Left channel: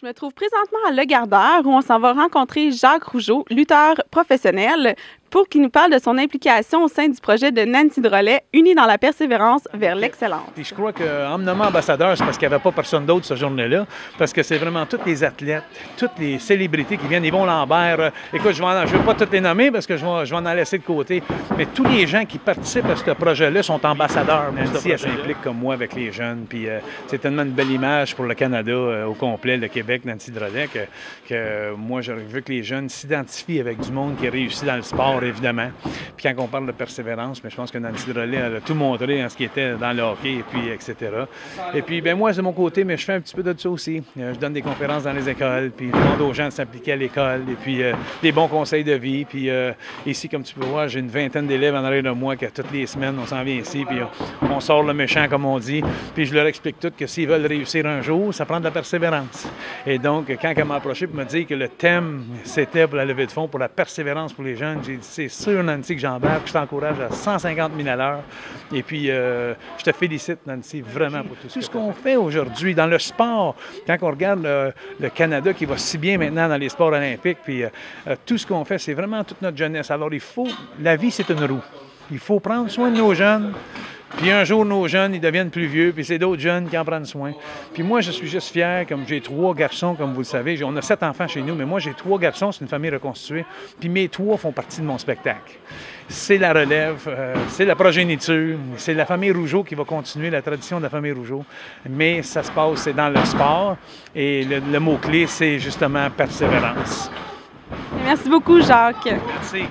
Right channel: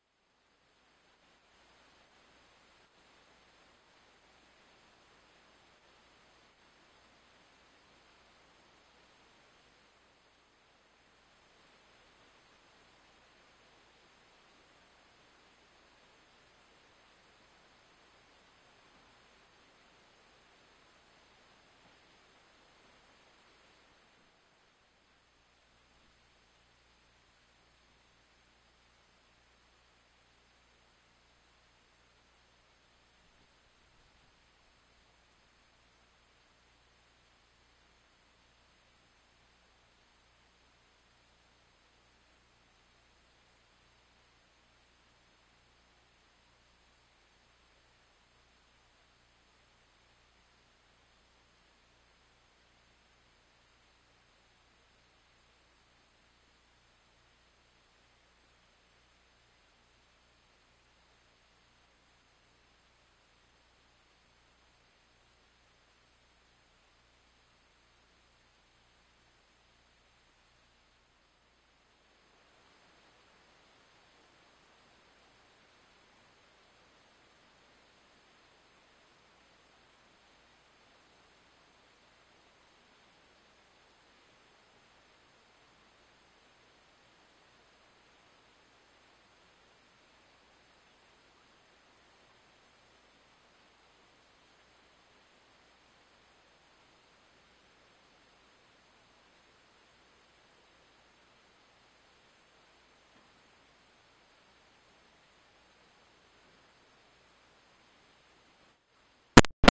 Je me trouve présentement à Le Gardeur où on s'en va rencontrer Jacques Rougeau, lutteur professionnel, pour qu'il nous parle de son implication au sein du projet de Nancy Drolet, Unis dans la persévérance vers l'excellence. Puis je crois qu'en me nommant ambassadeur, c'est parce qu'il n'y avait pas personne d'autre ce journée-là, parce que c'est vraiment tous les athlètes, toutes les célébrités qui viennent, Yvon Lambert, écoute, je ne veux pas toutes les nommer parce que je vais en laisser de côté, mais tous les gens qui participent à ce projet-là sont ambassadeurs. Nancy, elle s'implique comme moi avec les jeunes, puis c'est tellement une belle image pour le Canada au complet, le Québec, Nancy Drolet, que moi, j'aurais vu que les jeunes s'identifient avec du monde qui réussit dans le sport, évidemment. Puis quand on parle de persévérance, mais je pense que Nancy Drolet, elle a tout montré en ce qui était dans le hockey, et puis etc. Et puis, bien moi, c'est mon côté, mais je fais un petit peu de ça aussi. Je donne des conférences dans les écoles, puis je demande aux gens de s'impliquer à l'école, et puis des bons conseils de vie. Puis ici, comme tu peux voir, j'ai une vingtaine d'élèves en arrière de moi que toutes les semaines, on s'en vient ici, puis on sort le méchant, comme on dit. Puis je leur explique tout que s'ils veulent réussir un jour, ça prend de la persévérance. Et donc, quand elle m'a approché pour me dire que le thème, c'était pour la levée de fonds, pour la persévérance pour les jeunes, j'ai dit, c'est sûr, Nancy, que j'embarque, je t'encourage à 150 000 à l'heure. Et puis, je te félicite, Nancy, vraiment pour tout ce qu'on fait aujourd'hui dans le sport. Quand on regarde le Canada qui va si bien maintenant dans les sports olympiques, puis tout ce qu'on fait, c'est vraiment toute notre jeunesse. Alors, la vie, c'est une roue. Il faut prendre soin de nos jeunes. Puis un jour, nos jeunes, ils deviennent plus vieux, puis c'est d'autres jeunes qui en prennent soin. Puis moi, je suis juste fier, comme j'ai 3 garçons, comme vous le savez. On a 7 enfants chez nous, mais moi, j'ai 3 garçons, c'est une famille reconstituée. Puis mes 3 font partie de mon spectacle. C'est la relève, c'est la progéniture, c'est la famille Rougeau qui va continuer la tradition de la famille Rougeau. Mais ça se passe, c'est dans le sport. Et le mot-clé, c'est justement persévérance. Merci beaucoup, Jacques. Merci.